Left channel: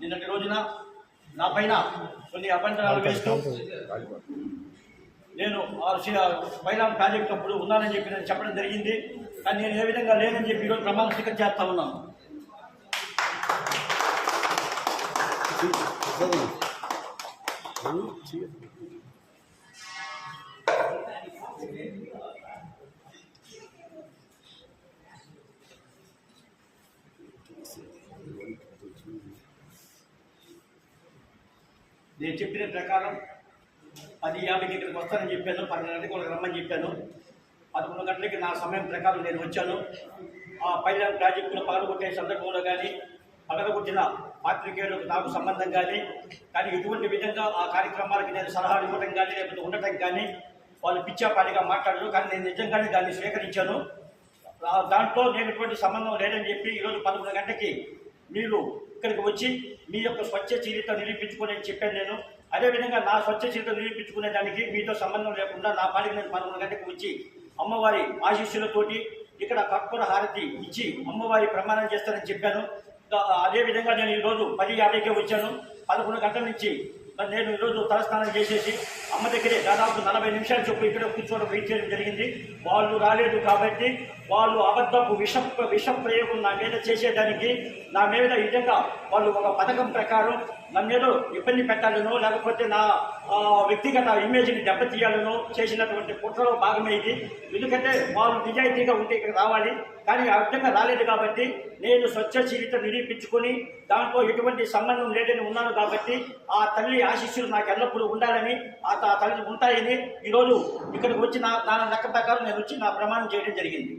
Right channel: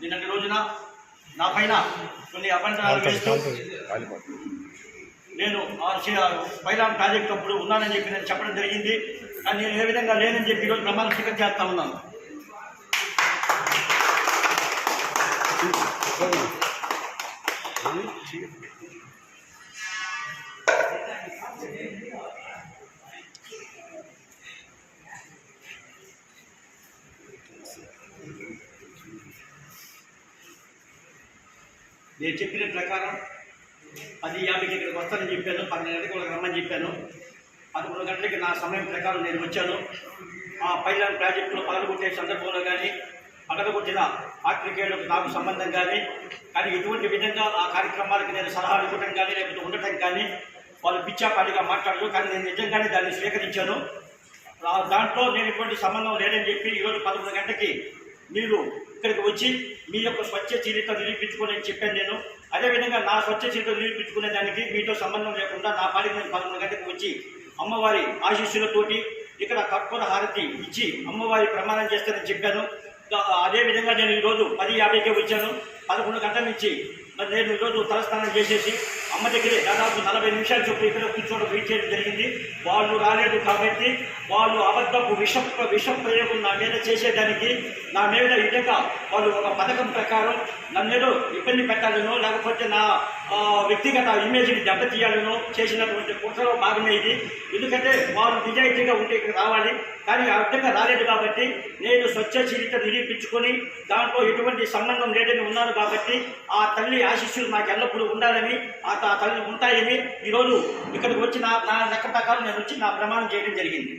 నిన్నటి రోజున నా పైన కొన్ని అభ్యంతరాలు వేస్తూ నేను పైలాన్ ప్రాజెక్ట్ అప్పుడు ఉన్నానని చెప్పి నేను చెప్పడం జరిగింది. కానీ నేను ఏ విధంగా లేనని చెప్పి ఈరోజు ప్రమాణ స్వీకారం చేస్తా ఉన్నాను. నేను చెప్పిన ప్రకారం 10:50కి ఇక్కడికి వస్తానని చెప్పాను. 12 గంటలకు వాళ్ళకి రమ్మని చెప్పాను. 11 గంటలకి నా సమయం ప్రకారం నేను వచ్చాను. ఆ పైలాన్ ప్రాజెక్టులో పగలగొట్టే సందర్భంలో కానీ పగలగొట్టిన పాత్రికేయులకు నాకు సంబంధం కానీ ఎటువంటి విధంగా ఆ కార్యక్రమాలకి నేను సలహాలు ఇవ్వడం కానీ లేకపోతే ఉండటం కానీ వాళ్ళు పిచ్చాపాటిగా మాట్లాడరు. కానీ నేను నిజంగానే దాన్ని స్వీకరించాను. దాంట్లో నేను ఎటువంటి సంబంధం లేదని చెప్పి ఈరోజు 11 గంటకి మీరు ఇక్కడికి వచ్చి మీ యొక్క స్వచ్ఛ చరిత్ర నిరూపించుకోని చెప్పాను నేను. అదేవిధంగా నా స్వచ్ఛ చరిత్ర నిరూపించుకునే దానికి మీతో సంబంధం లేకుండా నా పాటికి నేను 11 గంటకు వచ్చి అమ్మవారి ఆశీస్సులతోటి ఇక్కడ కర్పూర హారతి ఇచ్చి అమ్మవారి ప్రమాణం చేస్తానని చెప్పాను. అదేవిధంగా నేను ఈరోజు 10:50కే వచ్చాను. 11 గంటల నుంచి మరి నేను ఈరోజు తలస్నానం చేసేసి అమ్మ దగ్గరే దాదాపు 40 నిమిషాల చొప్పు ఇక్కడ కూర్చోవడం వెయిట్ చేయడం జరిగింది. వాళ్ళు రాలేదు కాబట్టి వాళ్ళు అబద్ధపు విష ప్రయోగం నా మీద చేసేదానికి నా మీద ఈ విధంగా వాళ్ళు ఒక పథకం ప్రకారం నన్నేదో ఇబ్బంది పెట్టాలనో లేకపోతే నా వ్యక్తిగత ఇమేజ్ని దెబ్బతీయాలనో చేసినటువంటి కుట్రలో భాగమే ఇది. ఎందుకంటే వాళ్ళు నిజాయితీగా ఉంటే ఇక్కడ రావాలి, కానీ ఆ విధంగా రాలేదు కాబట్టి నేను స్వచ్ఛ చరిత్ర నిరూపించుకొని దాంట్లో ఎటువంటి సంబంధం లేదని ఉన్నాను కాబట్టి ఆ తల్లి ఆశీస్సులు నాకు ఎల్లప్పుడూ ఉండాలని ఆ తల్లి ఉంటాయని ఈరోజు ఇక్కడికి వచ్చి నా లెక్క ప్రకారం నేను వచ్చి నా ప్రమాణం చేయడం జరిగింది.